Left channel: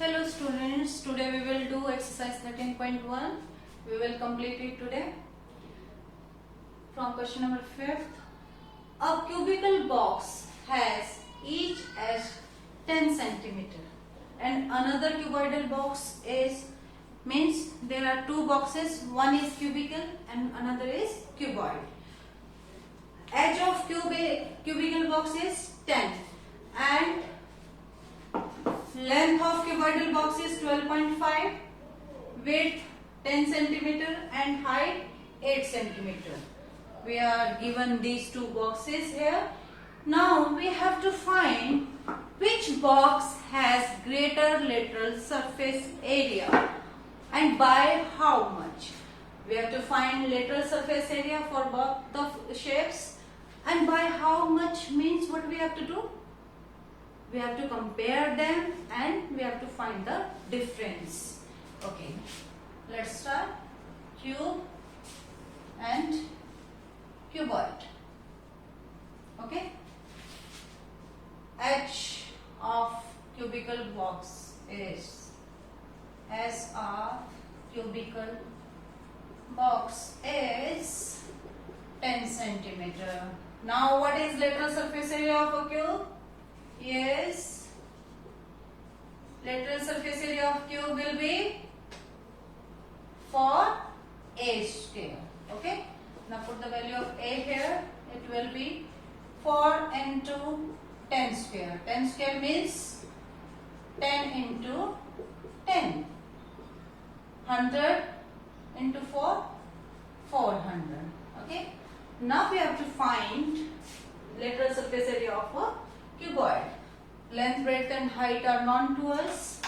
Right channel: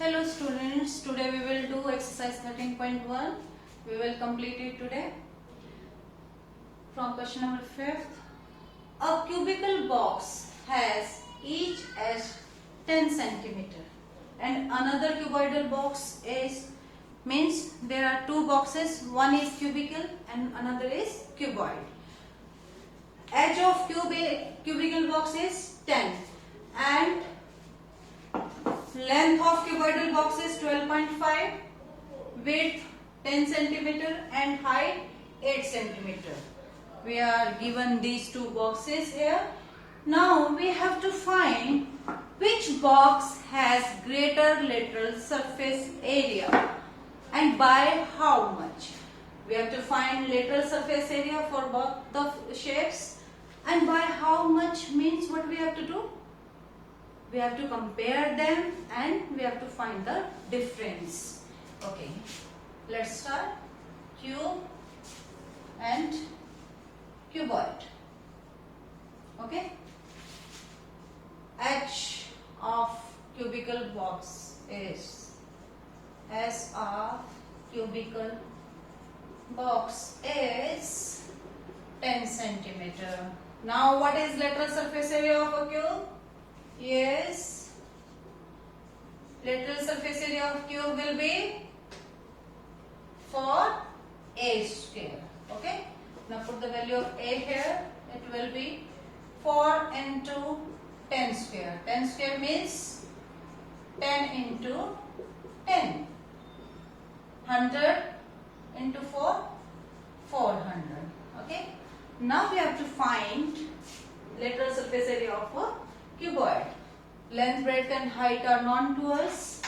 Hello students, today we will do exercise 13.1. We will complete it today. From question number 5th. A cubical box has each as 10 centimeter and another cuboidal box means there are two boxes, one is cubical and another is cuboid. Edge of cubical box is 10 and length of cuboidal box is 12.5, width 10 centimeter and height 8 centimeter. We are given these two boxes here. Now we have to find which box has greater lateral surface area and by how much. We have to find lateral surface area for both the shapes, and by how much means what we have to do? We have to compare them and we have to find the difference. Okay, let's start. Cube and cuboid. Okay, H of cubical box is, as a cubical box is 10 centimeter. Now what is lateral surface area of a cube? Yes, lateral surface area of cube will be 4a square. Okay, now put the value of a here. It will be 4 into 10 square. 10 square means 10 into 10. 100 into 4, 400. Okay, now we have to find lateral surface area of a cuboid. Length, breadth and height are known to us.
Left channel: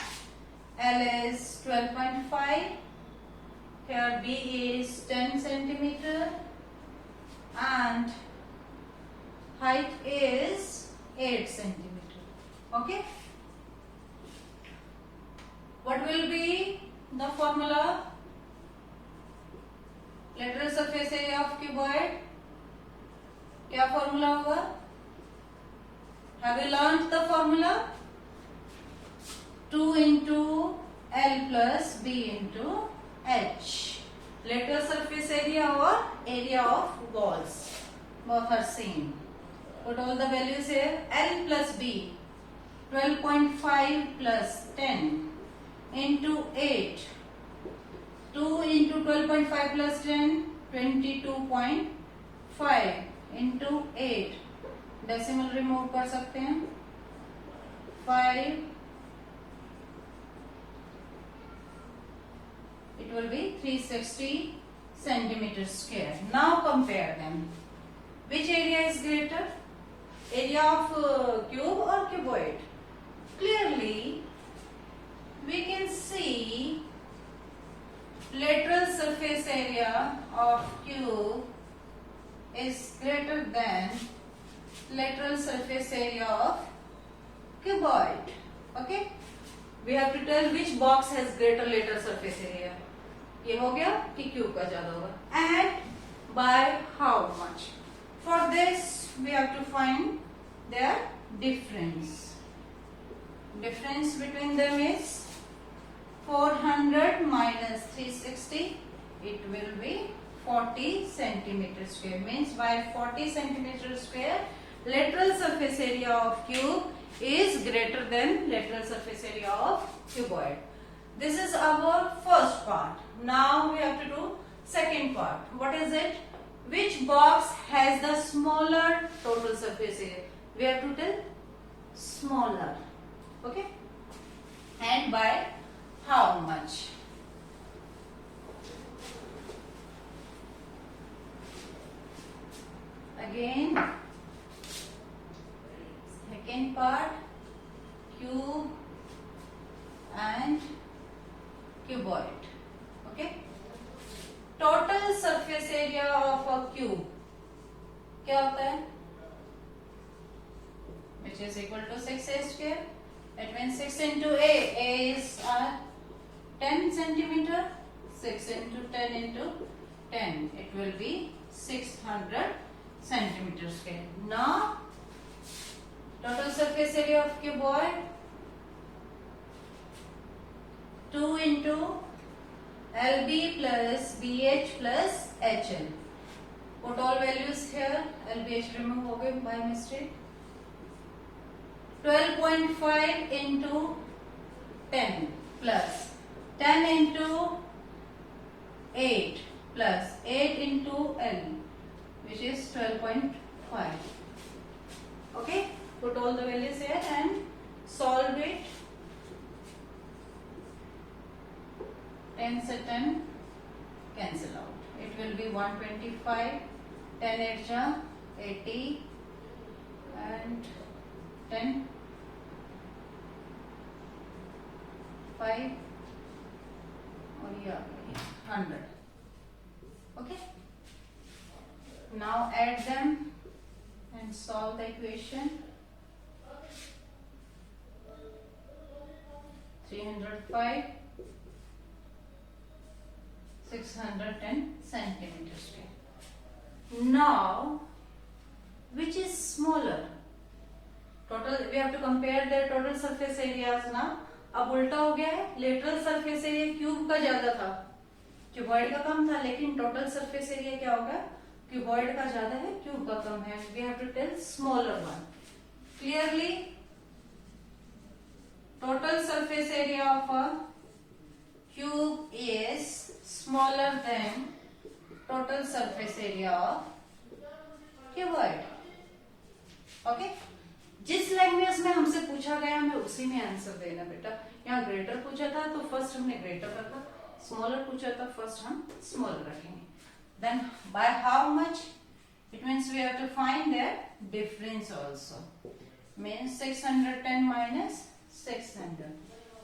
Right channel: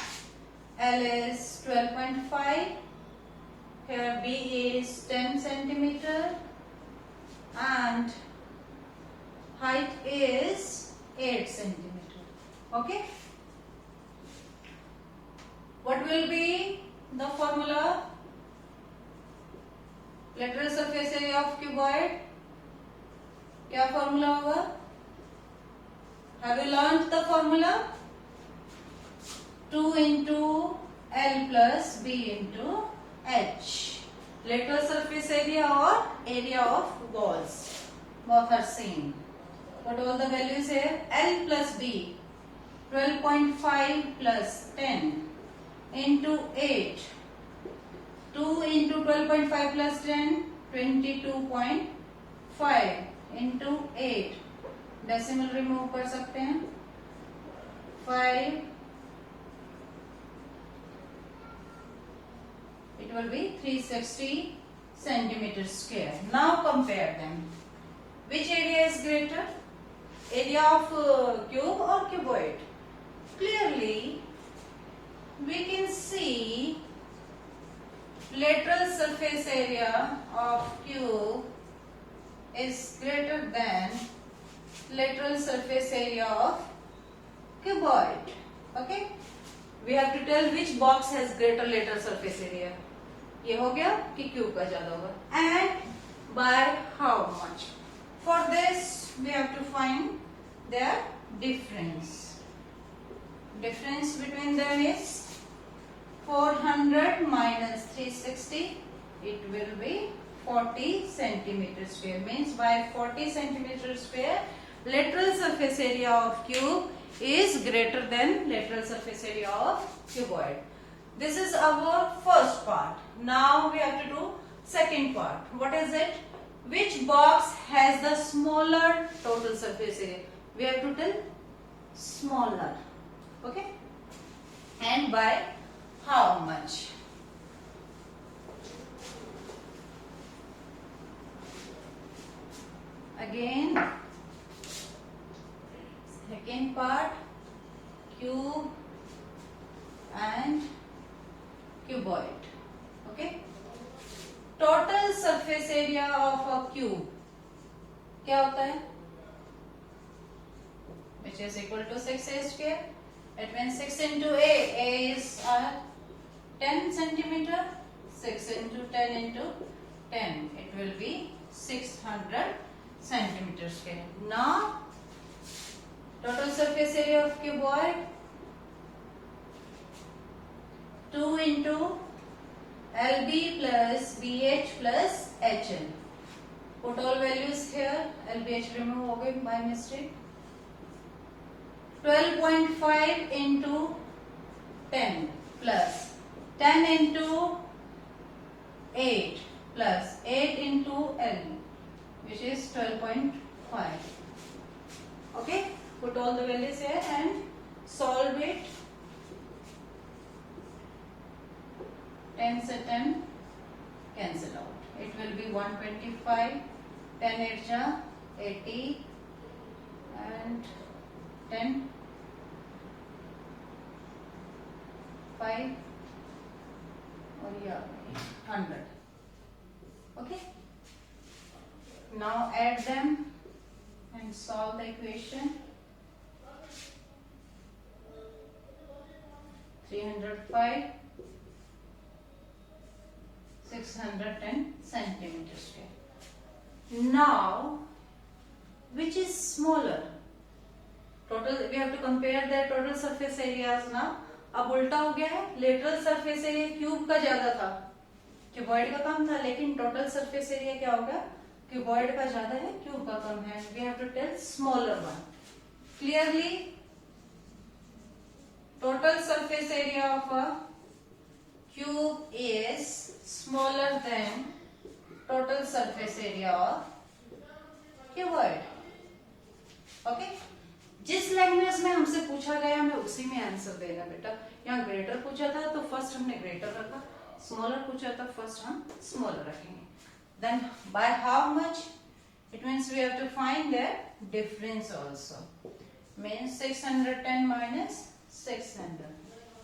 L is 12.5. Here B is 10 centimeter and height is 8 centimeter. Okay. What will be the formula? Lateral surface area of cuboid. क्या formula होगा? Have you learnt the formula? 2 into L plus B into H. Lateral surface area or area of walls. Both are same. What all the values here? L plus B. 12.5 plus 10 into 8. 2 into 12.5 plus 10. 22.5 into 8. Decimal remove कर सकते हैं 5 it will be 360 centimeter square. Now compare them. Which area is greater? Area of cube or cuboid? Clearly we can see lateral surface area of cube is greater than lateral surface area of cuboid. Okay, we have to tell which box has greater lateral surface area. ये हो गया कि cube का ज्यादा होगा. And by how much? For this we have to find their difference. Difference between them is 400 minus 360. It will be 40 centimeter square. Means by 40 centimeter square lateral surface area of cube is greater than lateral surface area of cuboid. This is our first part. Now we have to do second part. What is it? Which box has the smaller total surface area? We have to tell smaller. Okay? And by how much? Again, second part, cube and cuboid. Okay, total surface area of a cube क्या होता है? Which is equal to 6a square. It means 6 into a is 10 centimeter. 6 into 10 into 10. It will be 600 centimeter square. Now total surface area of cuboid into LB plus BH plus HL. Put all values here. LBH remove हो गए by mistake. 12.5 into 10 plus 10 into 8 plus 8 into L, which is 12.5. Okay, put all the values here and solve it. 10 से 10 cancel out. It will be 125. 10 8 जा 80 and 10 5 और ये 100. Okay. Now add them and solve the equation. 305 610 centimeters square. Now, which is smaller? Total, we have to compare their total surface areas now. अब उल्टा हो गया है, lateral surface area cube का ज्यादा था, क्यूबॉइड का कम था, लेकिन टोटल सरफेस एरिया क्या होगा? क्यूबॉइड का ज्यादा है, क्यूब का कम है. We have to tell smaller one. Clearly, total surface area of a cube is smaller than total surface area of cuboid. Okay? जिस लैंग्वेज में हमसे पूछा गया हमें उसी में आंसर देना बेटा. यहाँ ग्रेटर पूछा था तो फर्स्ट हमने ग्रेटर रखा, स्मॉलर पूछा था फर्स्ट हम स्मॉलर रखेंगे. Then by how much? It means we have to find their difference also. Means 610 minus 600,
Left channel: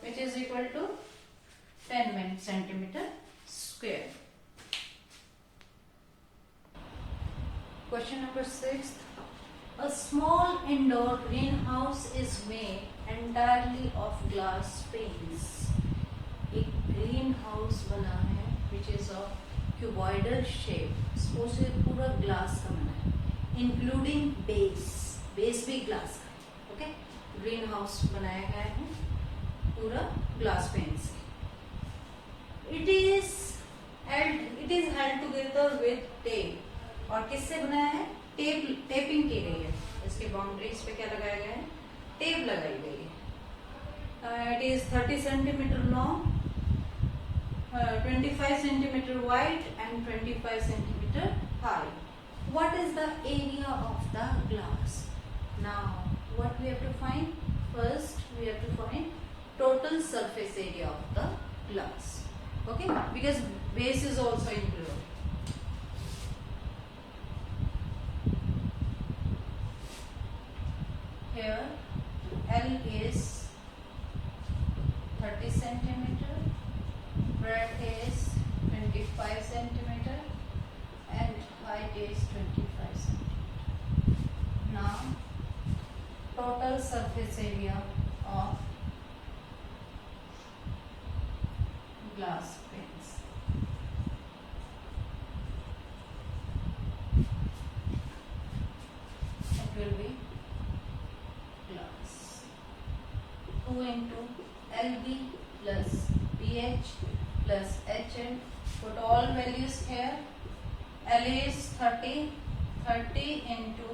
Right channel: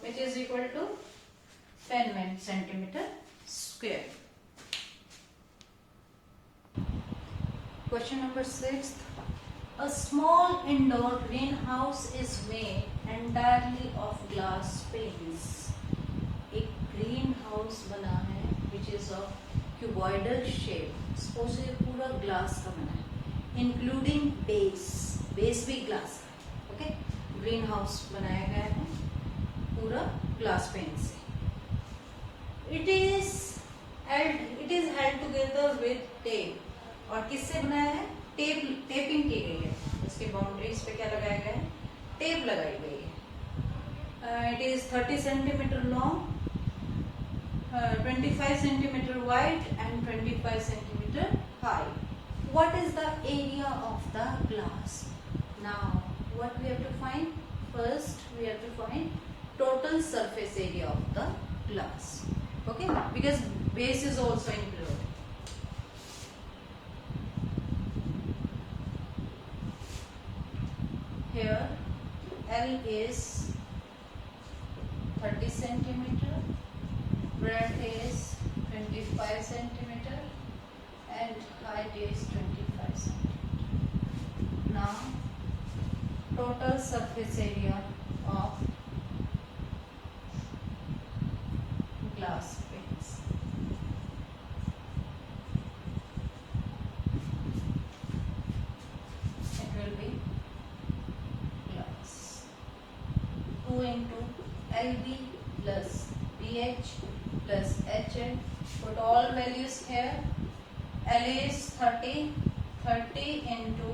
which is equal to 10 centimeter square. Question number 6. A small indoor greenhouse is made entirely of glass panes. एक green house बना है which is of cuboidal shape. Suppose ये पूरा glass का बना है, including base. Base भी glass का है. Okay? ग्रीन हाउस बनाया गया है पूरा ग्लास पेन से. It is held together with tape. और किससे बनाया है? टेपिंग की गई है. इसके बाउंड्रीज पे क्या लगाया गया है? टेप लगाई गई है. It is 30 centimeter long, 25 centimeter wide and 25 centimeter high. What is the area of the glass? Now, what we have to find? First, we have to find total surface area of the glass. Okay? Because base is also included. Here, L is 30 centimeter, breadth is 25 centimeter, and height is 25 centimeter. Now, total surface area of glass panes. It will be glass 2 into LB plus BH plus HL. Put all values here. L is 30 into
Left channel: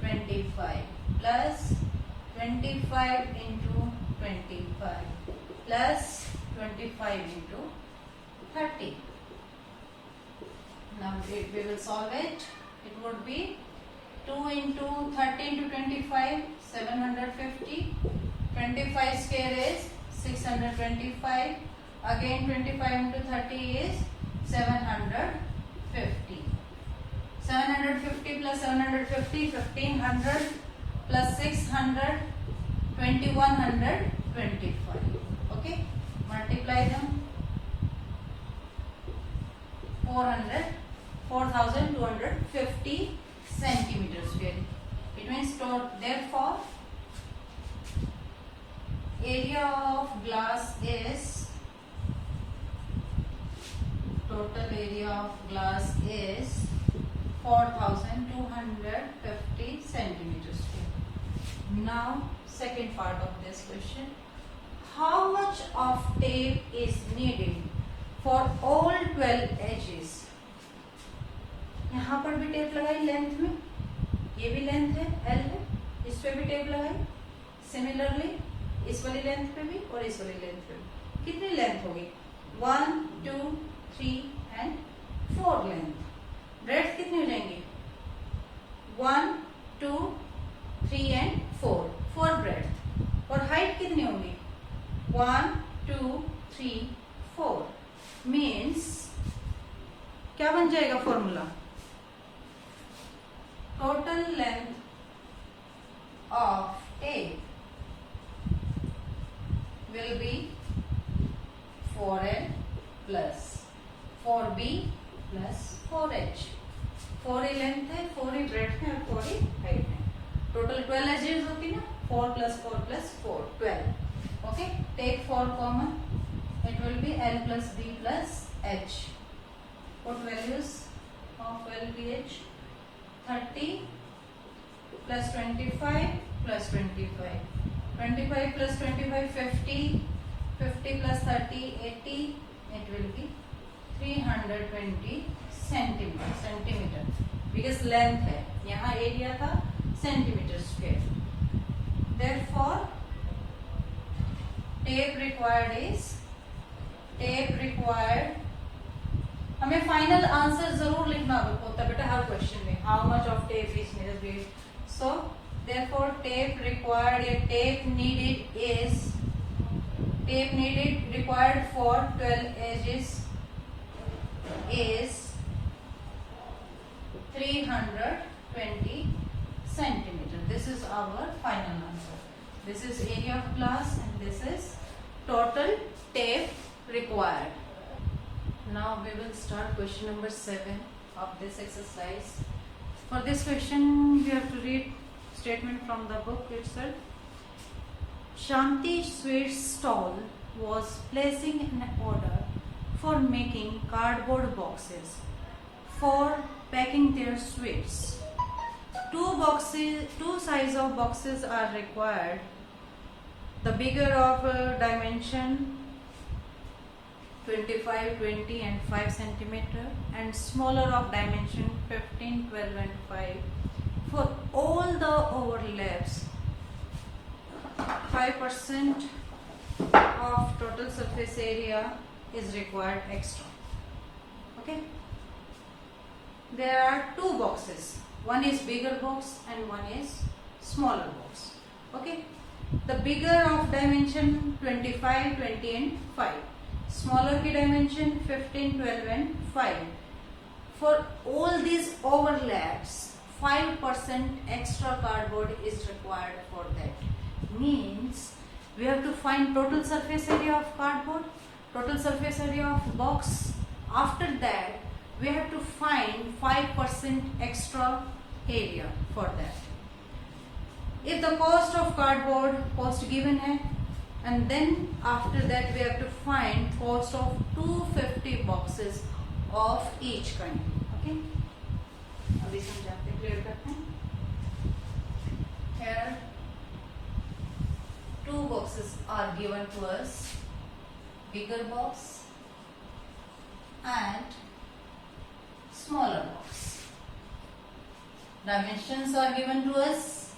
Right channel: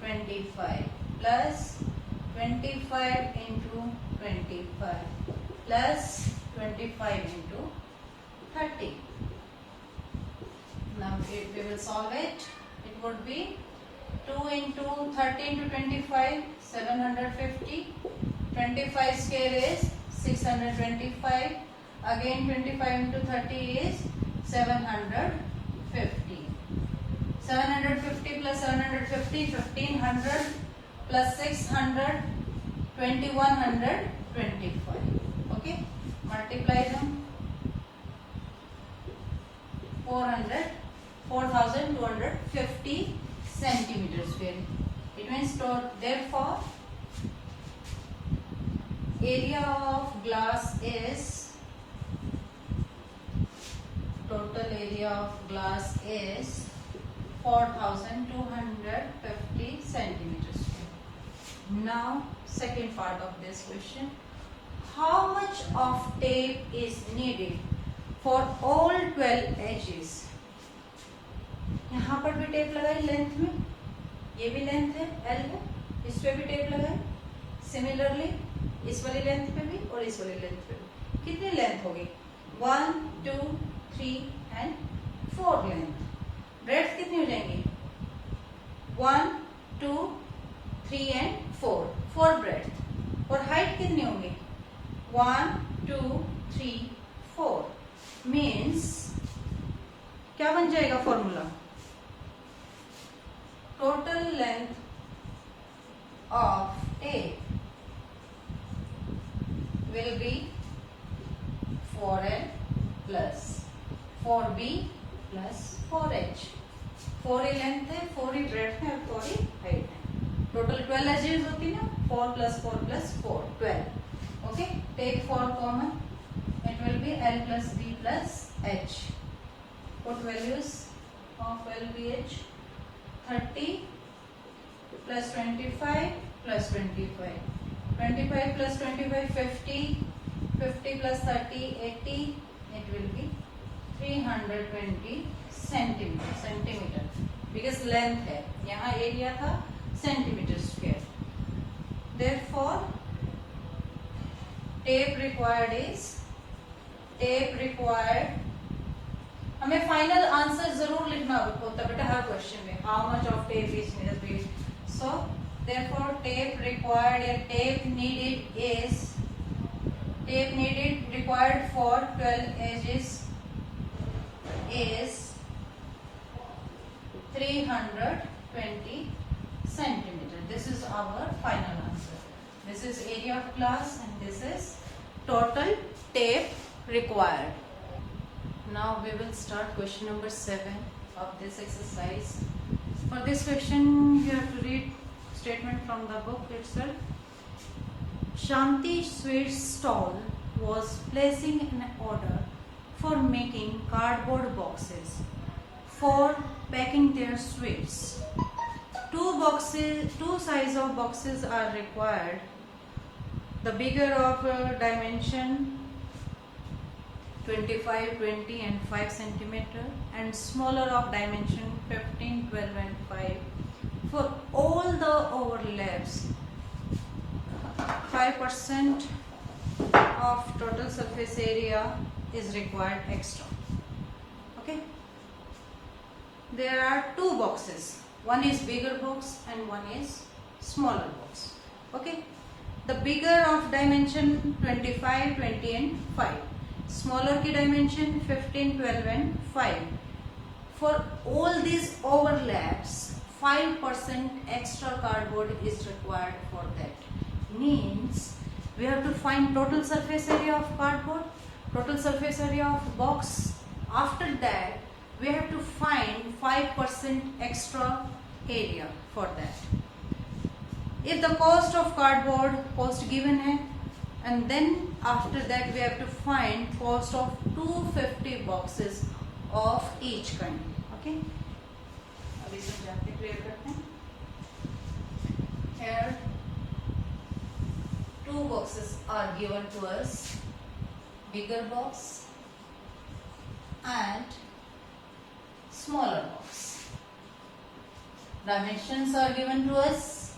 25 plus 25 into 25 plus 25 into 30. Now we will solve it. It would be 2 into 30 into 25, 750. 25 square is 625. Again 25 into 30 is 750. 750 plus 750, 1500 plus 600, 2125. Okay? Multiply them. 4,250 centimeters square. It means therefore area of glass is total area of glass is 4,250 centimeters square. Now second part of this question. How much much of tape is needed for all 12 edges? यहाँ पर भी tape लगाई length में, ये भी length है L है, इस पे भी टेप लगाई, सिमिलरली इस वाली लेंथ पे भी और इस वाली लेंथ पे भी। कितनी लेंथ होगी? 1, 2, 3 एंड 4 लेंथ। ब्रेड्थ कितनी हो जाएंगी? 1, 2, 3 एंड 4 ब्रेड्थ। और हाइट कितनी होंगी? 1, 2, 3, 4 मीन्स क्या बन जाएगा formula? Total length of tape will be 4L plus 4B plus 4H। 4 ही लेंथ है, 4 ही ब्रेड्थ है और 4 ही हाइट है। टोटल 12 एजेस होती है ना, 4 plus 4 plus 4 12। Okay, take 4 common, it will be L plus B plus H। Put values of L, B, H। 30 plus 25 plus 25। 25 plus 25 50, 50 plus 30 80, it will be 320 centimetre because length है, यहाँ area था centimetre square. therefore tape required हमें final answer जरूर लिखना होता है बेटा हर question में, how much of tape is needed. So therefore tape required या tape needed required for 12 edges is 320 centimeter। This is our final answer। This is area of glass and this is total tape required। Now we will start question number 7 of this exercise। For this question you have to read statement from the book itself। Shanti Sweets stall was placing an order for making cardboard boxes for packing their sweets। Two size of boxes are required, the bigger of dimension 25, 20 and 5 centimeter and smaller of dimension 15, 12 and 5। For all the overlaps 5% of total surface area is required extra। Okay, there are two boxes, one is bigger box and one is smaller box। Okay, the bigger of dimension 25, 20 and 5, smaller की dimension 15, 12 and 5। For all these overlaps 5% extra cardboard is required for that। Means we have to find total surface area of cardboard, total surface area of box। After that we have to find 5% extra area for that। If the cost of cardboard cost given है, and then after that we have to find cost of 250 boxes of each kind। Okay, अभी समझाते clear करते हैं। Here 2 boxes are given to us, bigger box and smaller box। Dimensions are given to us।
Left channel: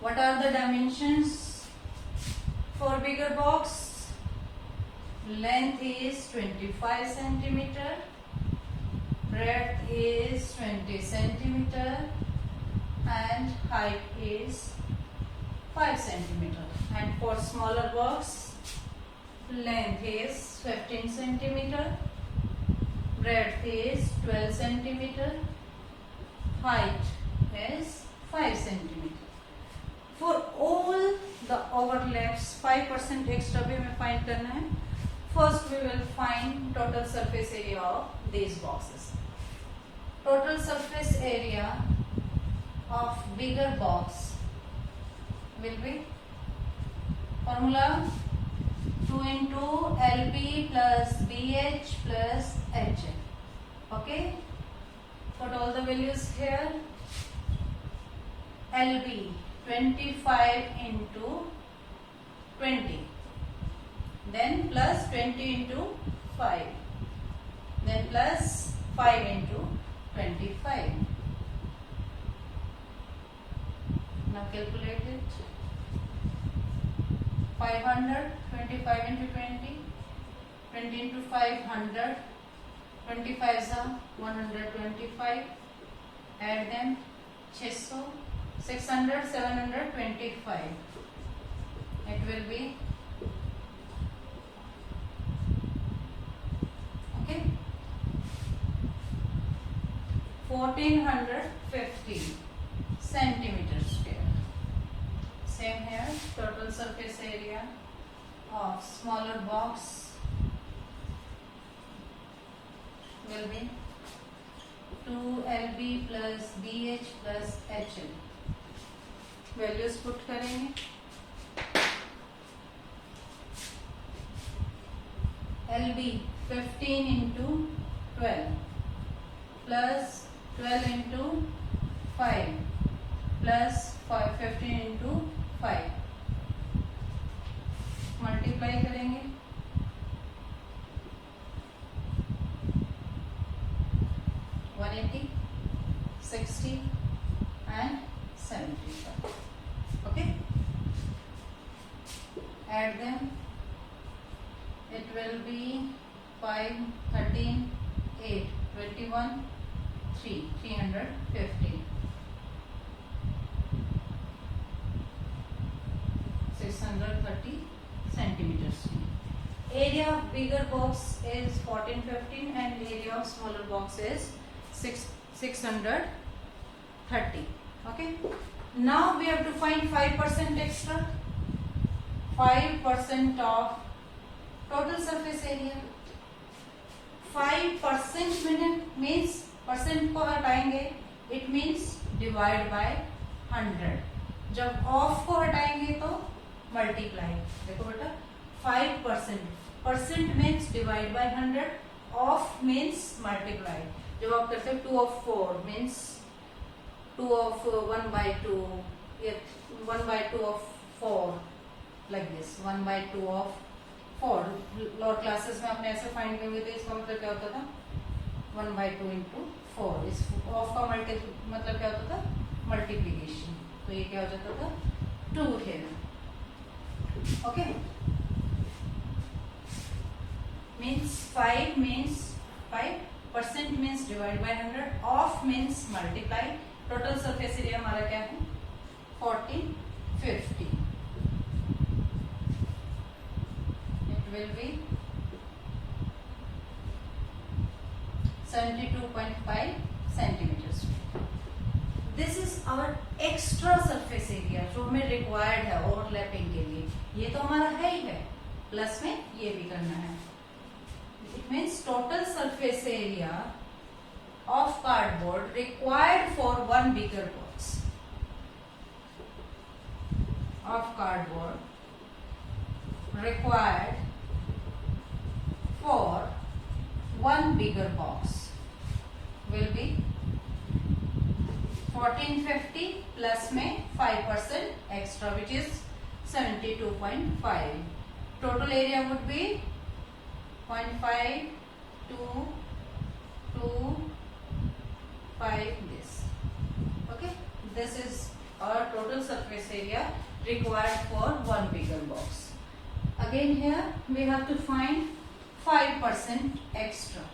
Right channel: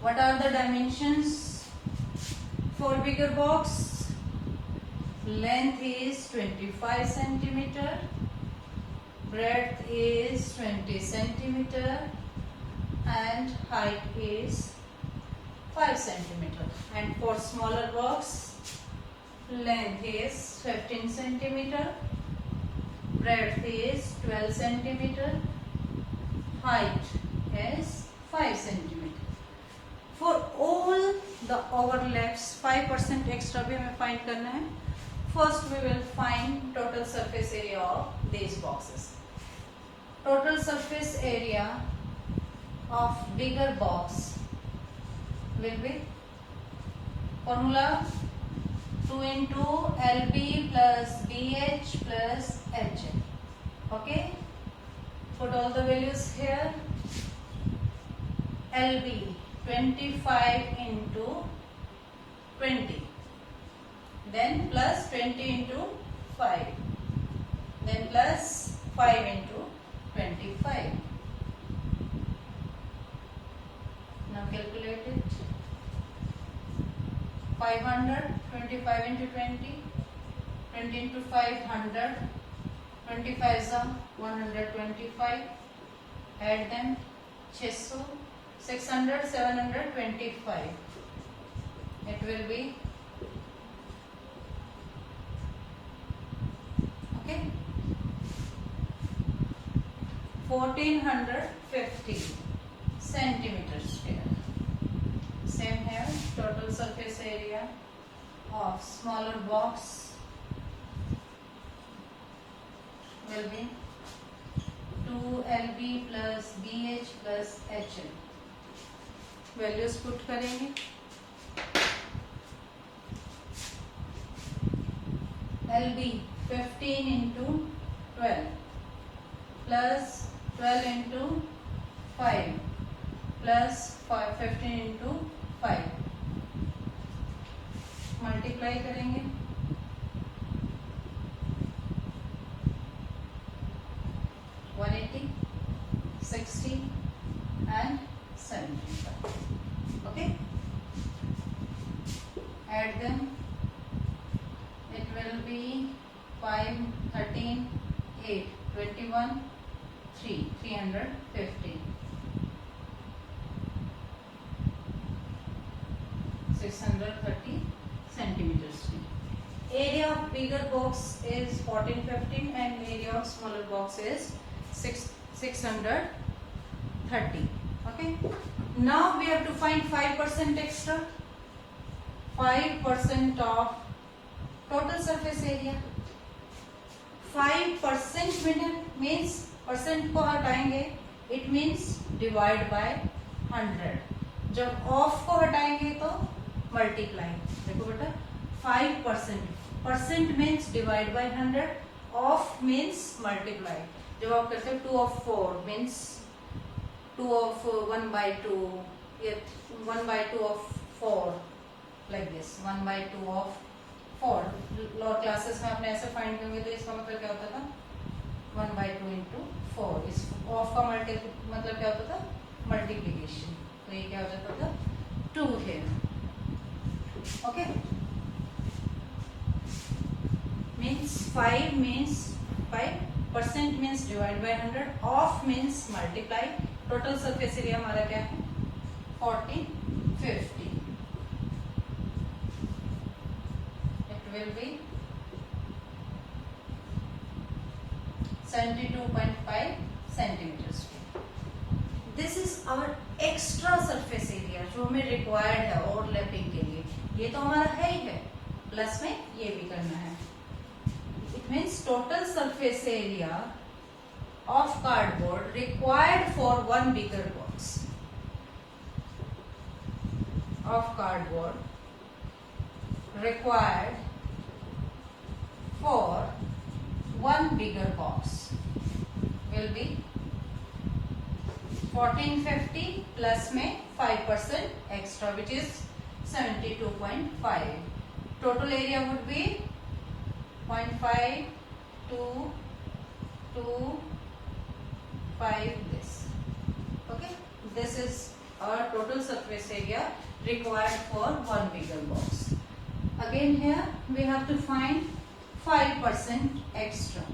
What are the dimensions for bigger box? Length is 25 centimeter, breadth is 20 centimeter and height is 5 centimeter। And for smaller box length is 15 centimeter, breadth is 12 centimeter, height is 5 centimeter। For all the overlaps 5% extra भी हमें find करना है। First we will find total surface area of these boxes। Total surface area of bigger box will be formula 2 into LB plus BH plus HL। Okay, put all the values here। LB 25 into 20 then plus 20 into 5, then plus 5 into 25. Now calculate it. 500, 25 into 20, 20 into 500, 25 is 125, add them, 600, 600, 725, it will be, okay, 1450 centimeters square. Same here, total surface area of smaller box will be 2LB plus BH plus HL. Values put करेंगे. LB 15 into 12 plus 12 into 5 plus 15 into 5. Multiply करेंगे. 180, 60 and 75. Okay. Add them. It will be 5, 13, 8, 21, 3, 350. 630 centimeters. Area of bigger box is 1450 and area of smaller box is 630. Okay. Now we have to find 5% extra. 5% of total surface area. 5% means percent को हटाएंगे, it means divide by 100. जब of को हटाएंगे तो multiply. देखो बेटा 5%, percent means divide by 100, of means multiply. जब आप करते हो 2 of 4 means 2 of 1/2, 1/2 of 4 like this, 1/2 of 4. Lower classes में आपने ऐसे फाइंड किए हुए थे. इसका मतलब क्या होता था 1/2 into 4. इस ऑफ का मतलब क्या होता था मल्टीप्लीकेशन. तो ये क्या हो जाता था 2 here. Okay. Means 5% means divide by 100, of means multiply. Total surface area हमारा क्या है 1450. It will B 72.5 centimeters. This is our extra surface area जो हमें required है ओवरलैपिंग के लिए. ये तो हमारा है ही है, प्लस में ये भी करना है. It means total surface area of cardboard required for one bigger box. Of cardboard required for one bigger box will be 1450 plus में 5% extra, which is 72.5. Total area would be 0.5 to 5 this. Okay, this is our total surface area required for one bigger box. Again here we have to find 5% extra.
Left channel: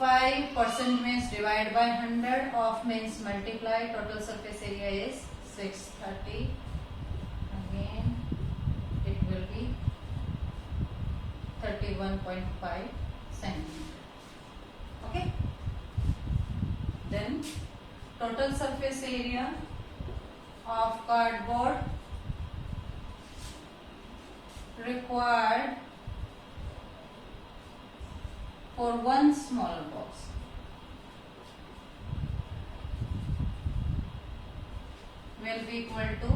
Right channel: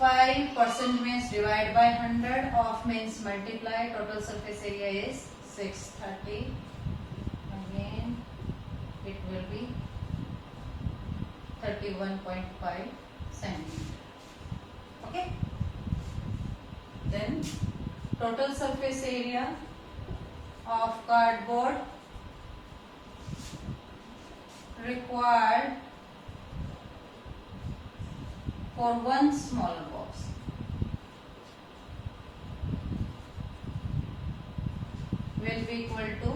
5% means divide by 100, off means multiply. Total surface area is 630. Again it will be 31.5 centimeter. Okay. Then total surface area of cardboard required for one small box will be equal to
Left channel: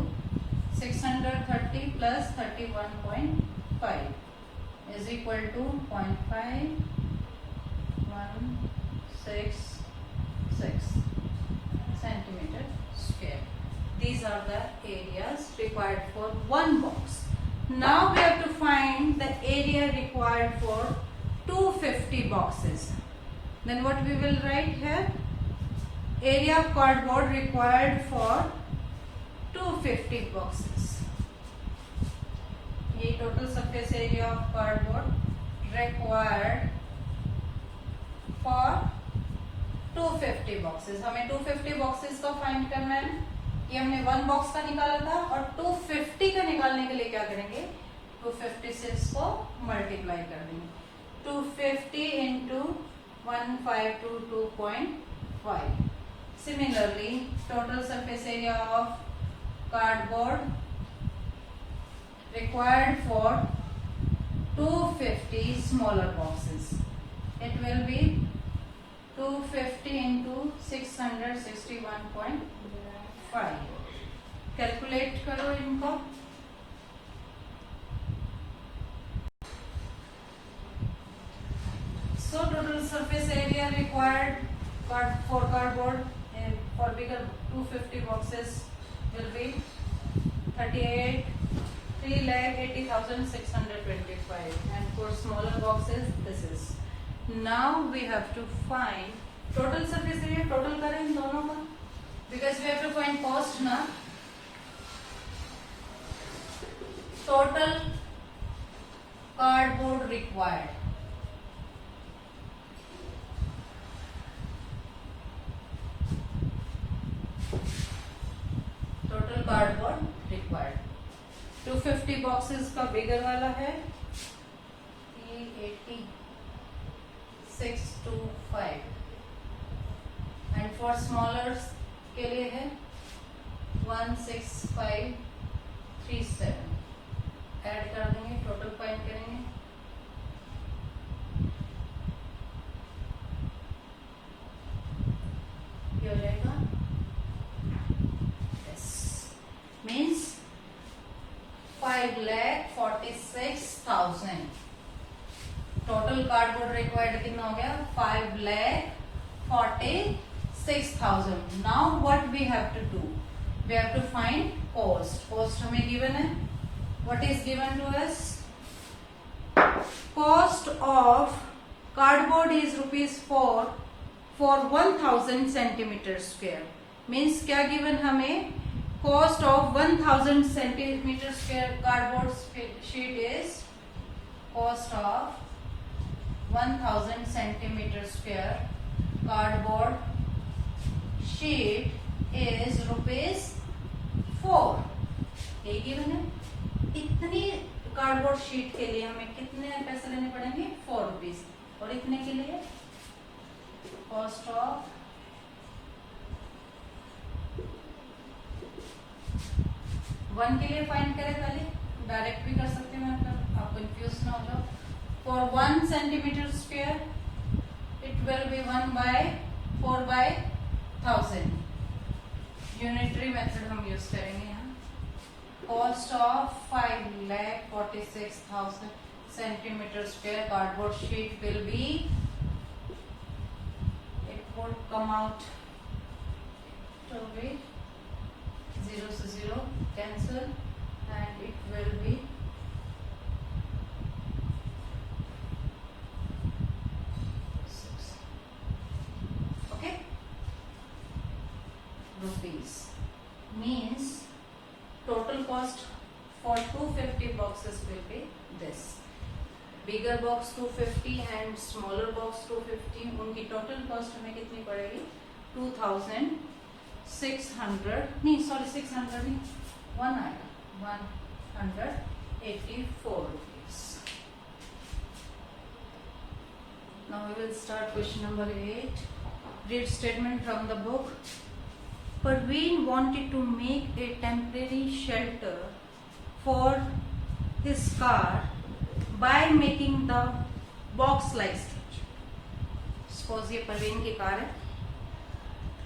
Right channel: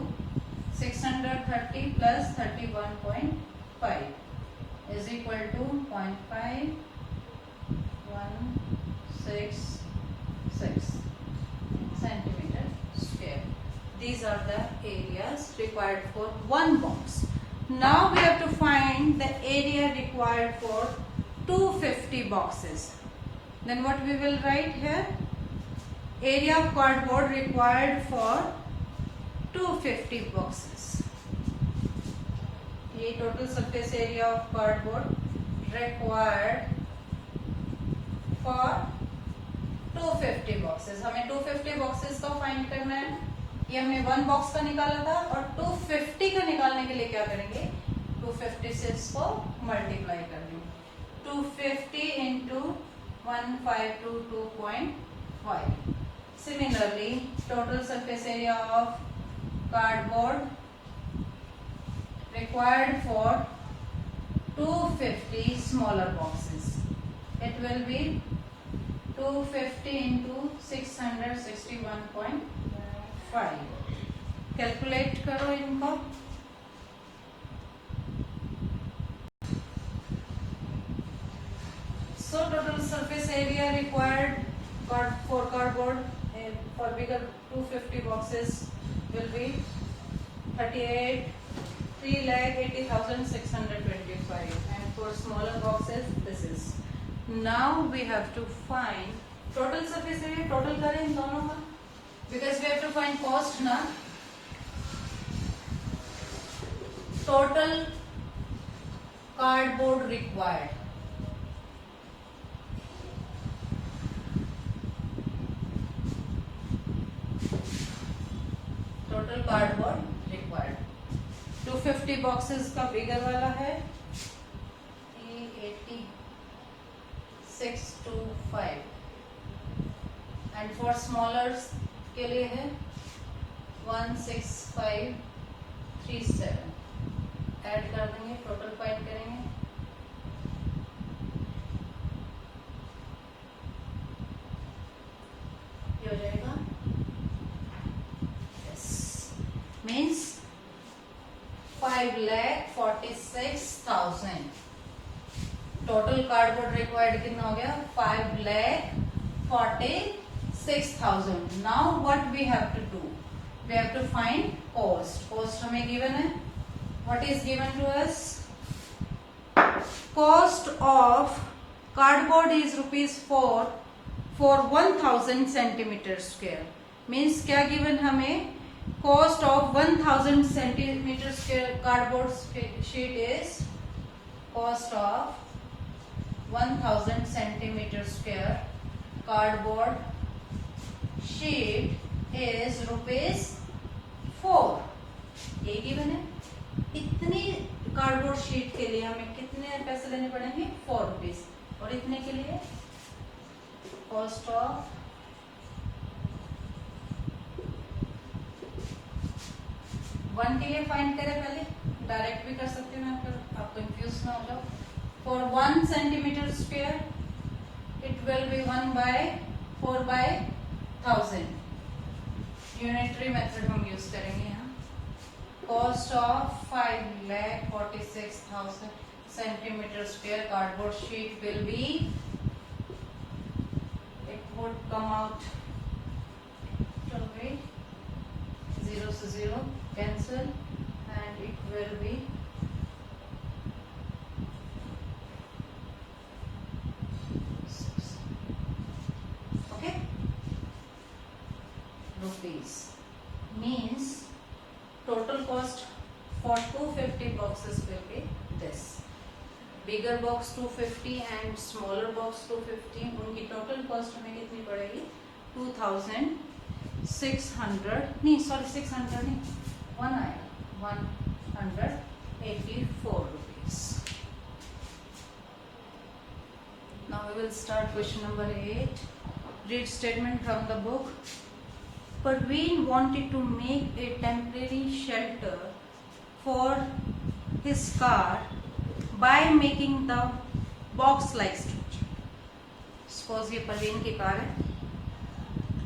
630 plus 31.5 is equal to 0.5166 centimeter square. These are the areas required for one box. Now we have to find the area required for 250 boxes. Then what we will write here? Area of cardboard required for 250 boxes. ये total surface area of cardboard required for 250 boxes. हमें 250 boxes का find करना है. ये हमने 1 box का निकाला था और 250 का निकालने के लिए क्या करेंगे? 250 से इसको मल्टीप्लाई कर देंगे. 250 into 1522.5. Similarly, total surface area of cardboard required for 250 smaller boxes. It will be 250 into 661.5. Calculate करो इनको. So total surface area required for cardboard and for bigger 250 boxes will be 3,80,625, and for smaller boxes this is. Now we have to find total surface area. Total करें इन दोनों का, because we have to find cost ना. Total cardboard required. Total cardboard required. 250 boxes का बिगर वाला है 38625, and for smaller के लिए है 16537. ऐड कर देंगे, टोटल फाइंड करेंगे. ये हो जाएगा. Yes, means 5,46,000. Total cardboard required कितना हो गया? 5,46,000. Now what we have to do? We have to find cost. Cost हमें गिवन है. What is given to us? Cost of cardboard is ₹4 for 1000 centimeter square. Means क्या given हमें? Cost of 1000 centimeter square cardboard sheet is cost of 1000 centimeter square cardboard sheet is ₹4. ये given है. इतनी cardboard sheet के लिए हमें कितने पैसे देने पड़ेंगे? ₹4. और इतने के लिए कॉस्ट ऑफ 1 के लिए फाइंड करें. पहले डायरेक्ट भी कर सकते हैं, आप कंफ्यूज ना हो जाओ. For 1 centimetre square it will B 1/4/1000. Unitary method हम यूज करेंगे यहाँ. Cost of 5,46,000 centimeter square cardboard sheet will be, it would come out to be 0 to 0 cancel, and it will be okay rupees. Means total cost for 250 boxes will be this. Bigger box 250 and smaller box 250. उनकी total cost हमें कितनी पड़ेगी? 2,600 नहीं, sorry 600 नहीं, 1 आएगा, 184 rupees. Now we will start question number 8. Read statement from the book. Parveen wanted to make a temporary shelter for his car by making the box-like structure. Suppose ये परवीन की car है,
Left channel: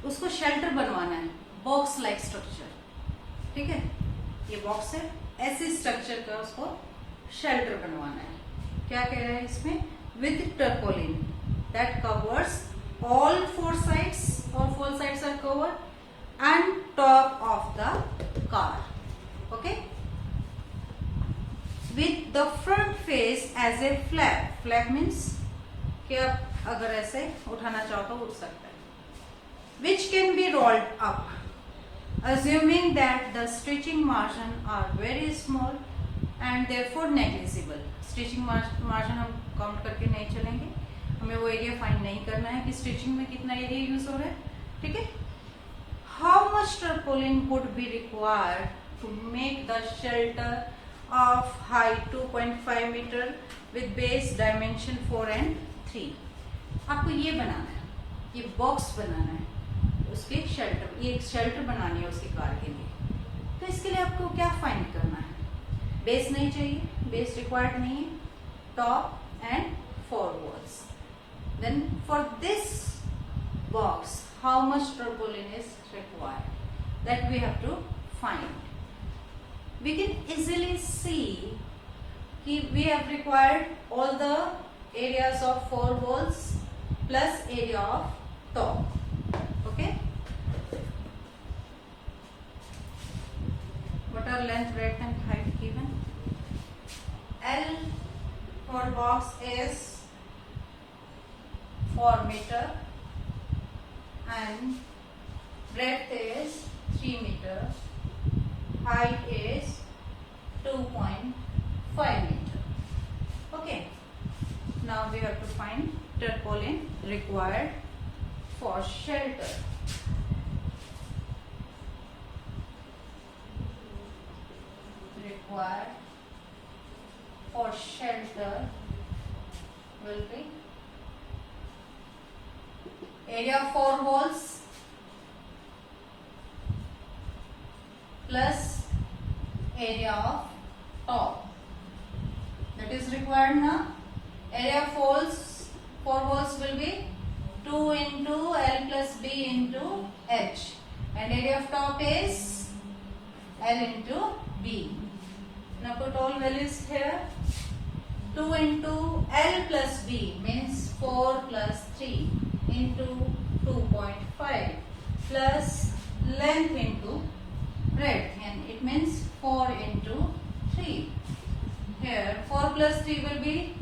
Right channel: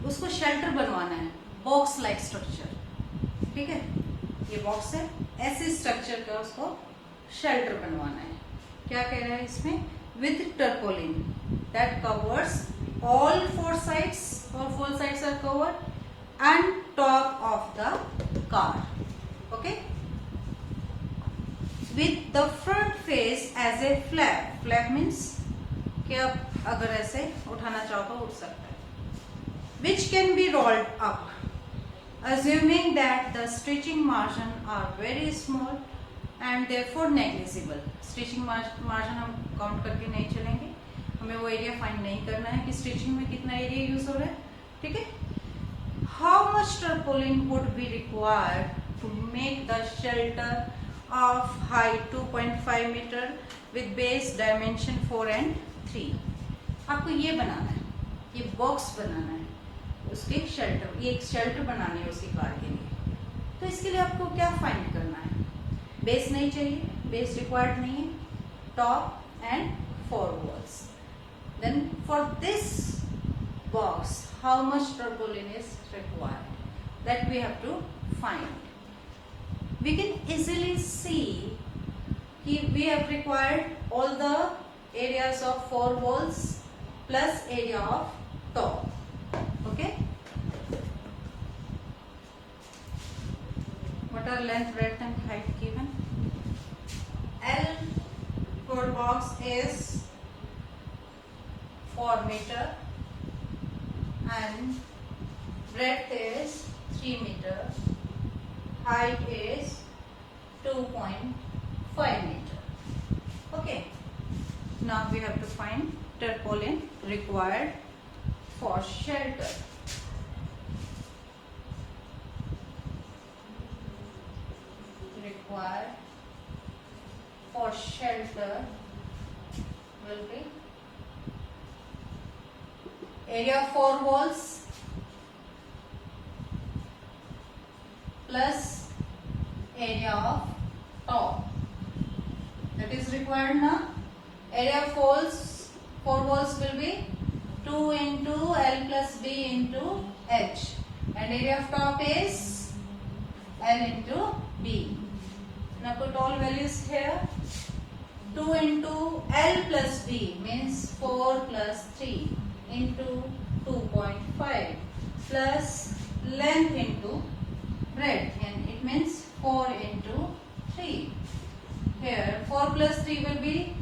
उसको शेल्टर बनवाना है, box-like structure. ठीक है, ये box है, ऐसे स्ट्रक्चर का उसको शेल्टर बनवाना है. क्या कह रहा है इसमें? With tarpaulin that covers all 4 sides. All 4 sides are covered. and top of the car. Okay, with the front face as a flap. Flap means कि आप अगर ऐसे उठाना चाहो तो उठ सकता है. Which can be rolled up, assuming that the stitching margin are very small and therefore negligible. Stitching margin हम काउंट करके नहीं चलेंगे, हमें वो एरिया फाइंड नहीं करना है कि स्टिचिंग में कितना एरिया यूज हो रहा है. ठीक है. How much tarpaulin would be required to make the shelter of height 2.5 meter with base dimension 4 and 3? आपको ये बनाना है, ये बॉक्स बनाना है, उसके शेल्टर, ये एक शेल्टर बनानी है उसकी कार के लिए. तो इसके लिए आपको क्या फाइंड करना है? बेस नहीं चाहिए, बेस रिक्वायर्ड नहीं है, top and 4 walls. Then for this box, how much tarpaulin is required? That we have to find. We can easily see we have required all the areas of 4 walls plus area of top. Okay. What are length, breadth and height given? L for box is 4 meter and breadth is 3 meter, height is 2.5 meter. Okay, now we have to find tarpaulin required for shelter. Required for shelter will be area of 4 walls plus area of top. That is required now. Area of 4 walls will be 2 into L plus B into H, and area of top is L into B. Now put all values here. 2 into L plus B means 4 plus 3 into 2.5 plus length into breadth, and it means 4 into 3. Here 4 plus 3 will be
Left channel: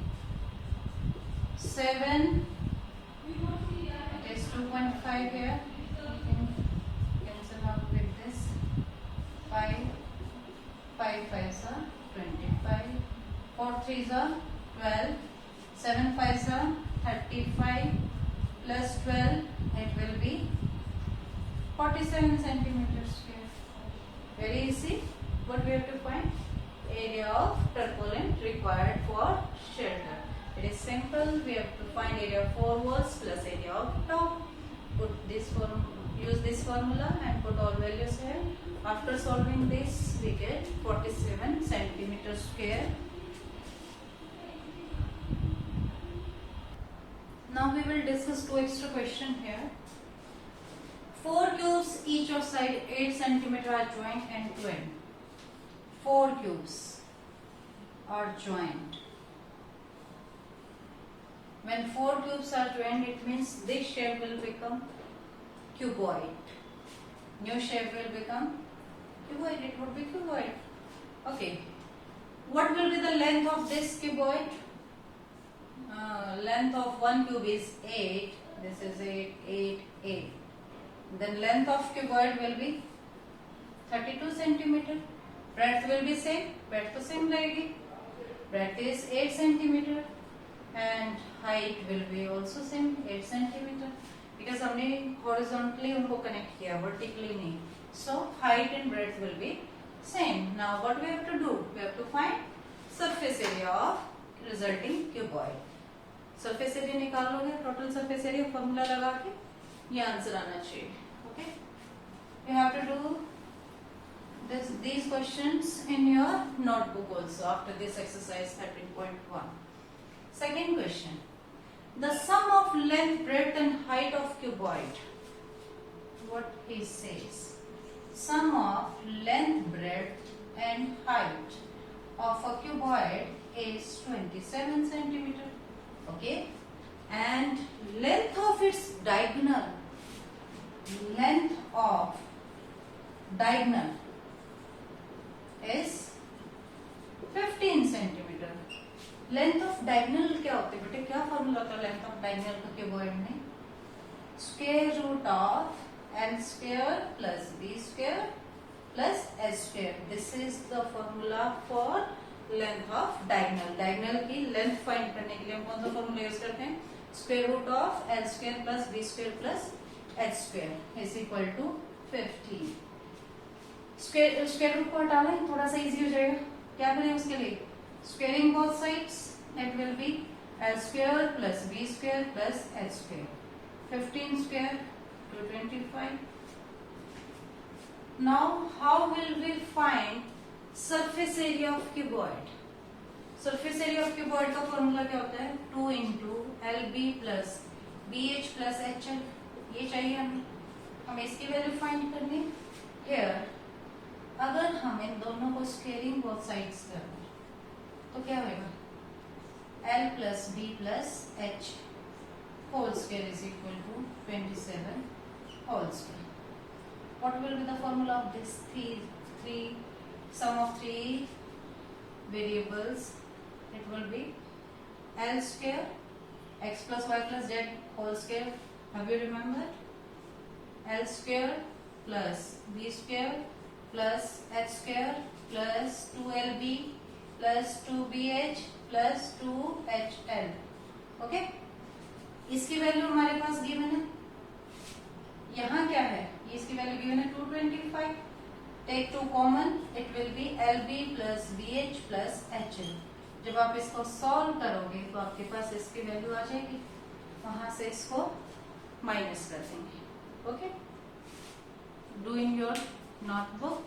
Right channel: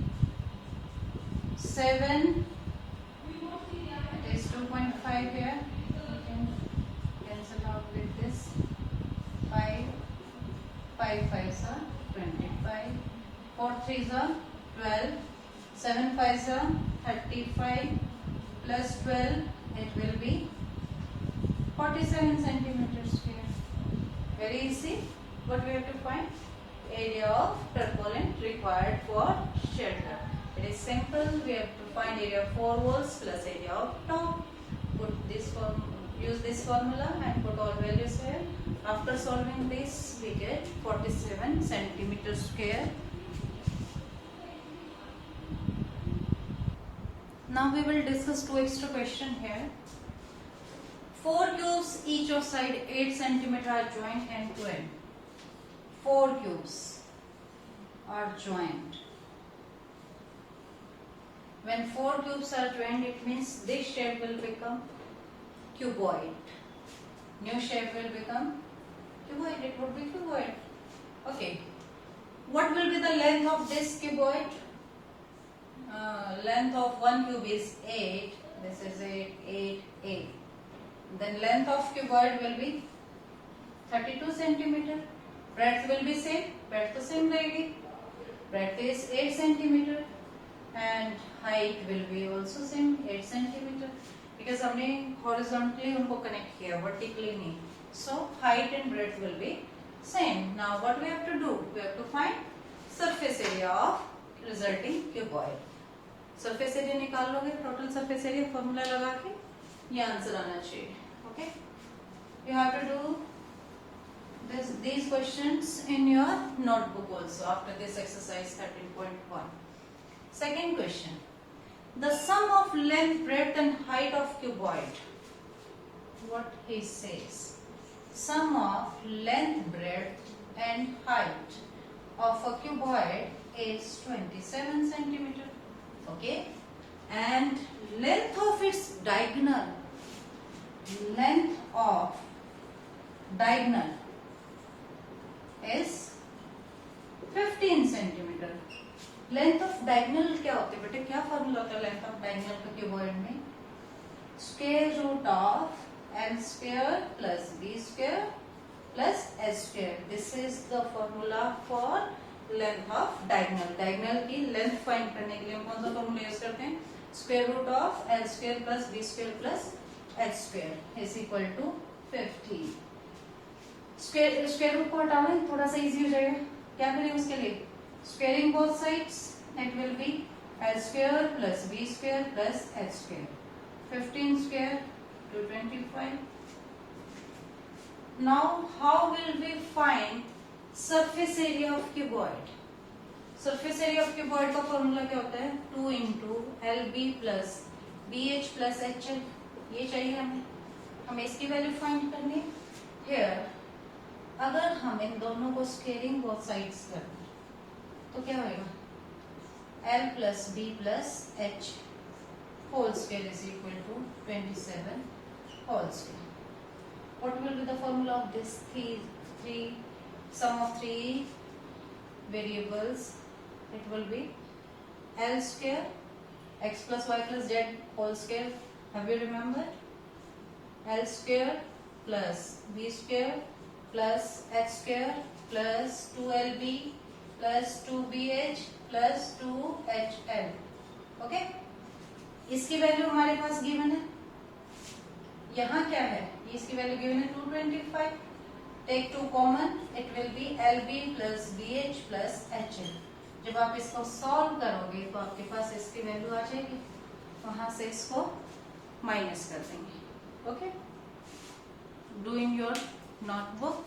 7. It is 2.5 here. You can cancel out with this. 5. 5 5s are 25. 4 3s are 12. 7 5s are 35. Plus 12, it will be 47 centimeters here. Very easy. What we have to find? Area of tarpaulin required for shelter. It is simple. We have to find area of 4 walls plus area of top. Put this use this formula and put all values here. After solving this, we get 47 centimeters square. Now we will discuss 2 extra questions here. 4 cubes each of side 8 cm are joined and twained. 4 cubes are joined. When 4 cubes are joined, it means this shape will become cuboid. New shape will become cuboid. It would be cuboid. Okay. What will be the length of this cuboid? Length of one cube is 8. This is 8, 8, 8. Then length of cuboid will be 32 centimeter. Breadth will be same. Breadth तो same रहेगी. Breadth is 8 centimeter and height will be also same 8 centimeter. Because हमने horizontally उनको connect किया, vertically नहीं. So height and breadth will be same. Now what we have to do? We have to find surface area of resulting cuboid. Surface area निकाल लोगे, total surface area formula लगा के ये answer आना चाहिए. Okay, you have to do these questions in your notebook also after this exercise 13.1. Second question, the sum of length, breadth and height of cuboid. What he says, sum of length, breadth and height of a cuboid is 27 centimeter. Okay, and length of its diagonal, length of diagonal is 15 centimetre. Length of diagonal क्या होती है बेटे? क्या formula होता है length of diagonal का cuboid में? Square root of L square plus B square plus H square. This is the formula for length of diagonal. Diagonal की लेंथ फाइंड करने के लिए हम कौन सा फॉर्मूला यूज करते हैं? Square root of L square plus B square plus H square is equal to 15. Square root को हटाना है, थोड़ा सा इजी हो जाएगा. क्या करें उसके लिए? Squaring both sides, it will be L square plus B square plus H square. 15 square to 25. Now how will we find surface area of cuboid? Surface area of cuboid का फॉर्मूला क्या होता है? 2 into LB plus BH plus HL. ये चाहिए हमें इसकी value find करनी है. Here अगर हम इन दोनों को स्क्वेयरिंग बोथ साइड्स करना तो क्या होगा? L plus B plus H whole square is equal to 27 whole square. What will be the formula of this three sum of three variables? It will be L square x plus y plus z whole square. Have you remembered? L square plus b square plus h square plus 2lb plus 2bh plus 2hl. Okay? इसकी value हमारे पास given है. यहाँ क्या है? इसकी value given है 225. Take 2 common, it will be LB plus BH plus HL. जब आप इसको सॉल्व करोगे तो आपके पास इसकी वैल्यू आ जाएगी. वहां से इसको माइनस कर देंगे. Okay, do in your notebook.